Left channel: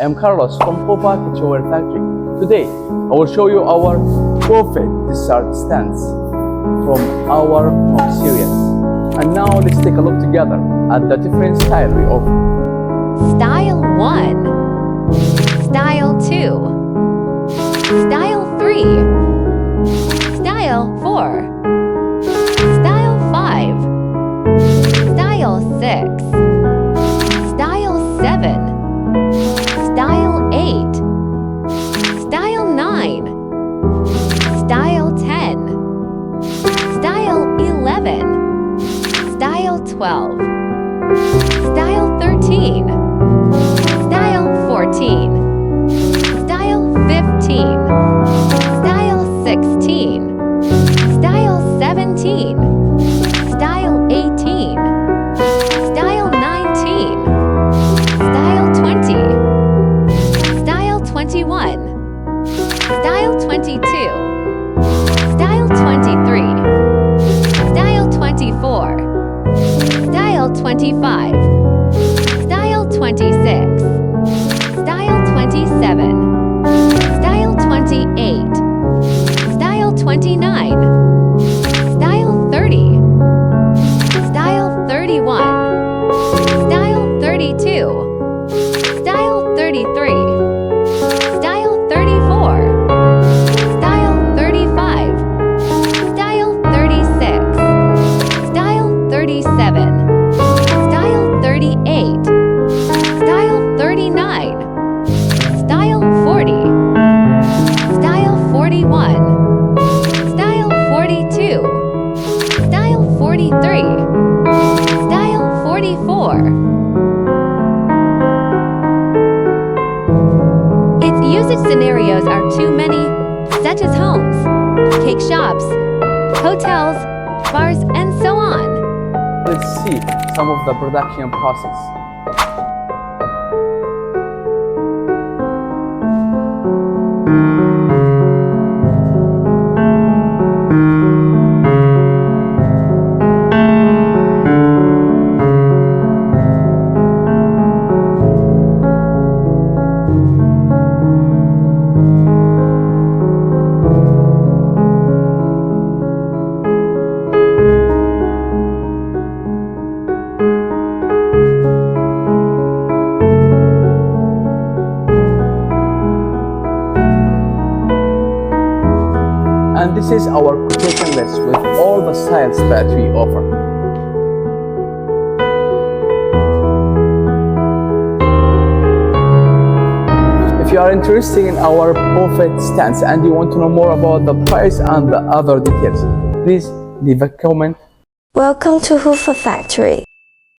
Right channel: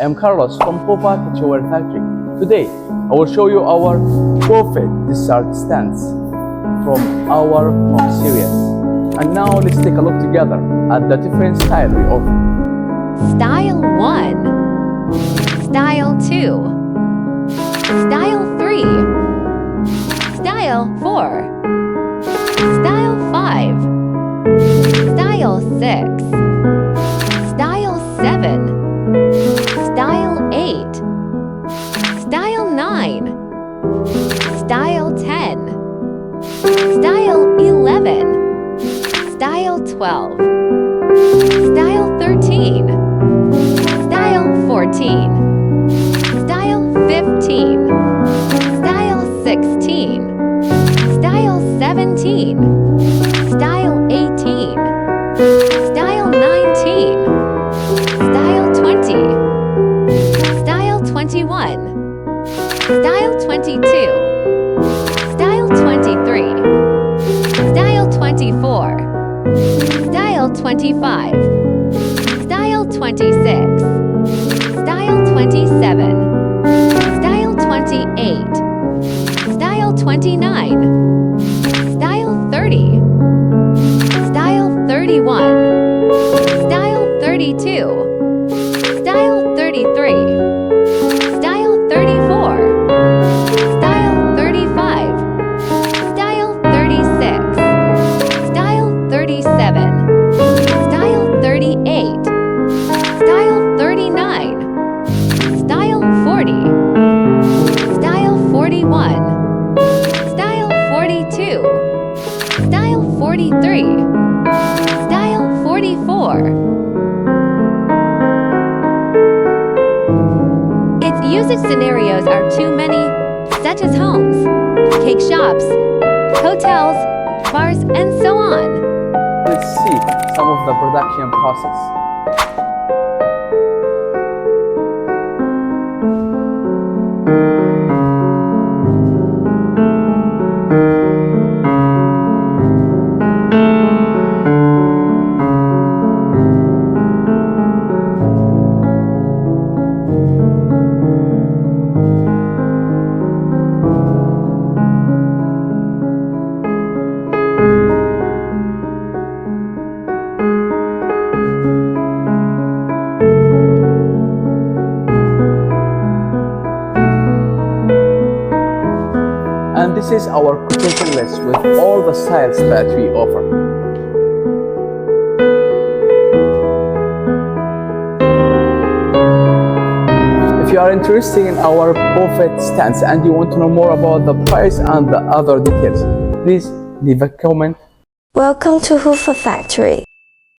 I am Carlos from HUFA Kitchenware Factory. Today, I will show you our perfect dessert stands from our home series. And now let's take a look together at the different style we offer. Style 1, Style 2, Style 3, Style 4, Style 5, Style 6, Style 7, Style 8, Style 9, Style 10, Style 11, Style 12, Style 13, Style 14, Style 15, Style 16, Style 17, Style 18, Style 19, Style 20, Style 21, Style 22, Style 23, Style 24, Style 25, Style 26, Style 27, Style 28, Style 29, Style 30, Style 31, Style 32, Style 33, Style 34, Style 35, Style 36, Style 37, Style 38, Style 39, Style 40, Style 41, Style 42, Style 43, Style 44. Its usage scenarios are too many, such as homes, cake shops, hotels, bars, and so on. Let's see some of the production process. And this is our quotation list with all the styles that we offer. If you are interested in our perfect stands and you want to know more about the price and the other details, please leave a comment. Welcome to HUFA Factory.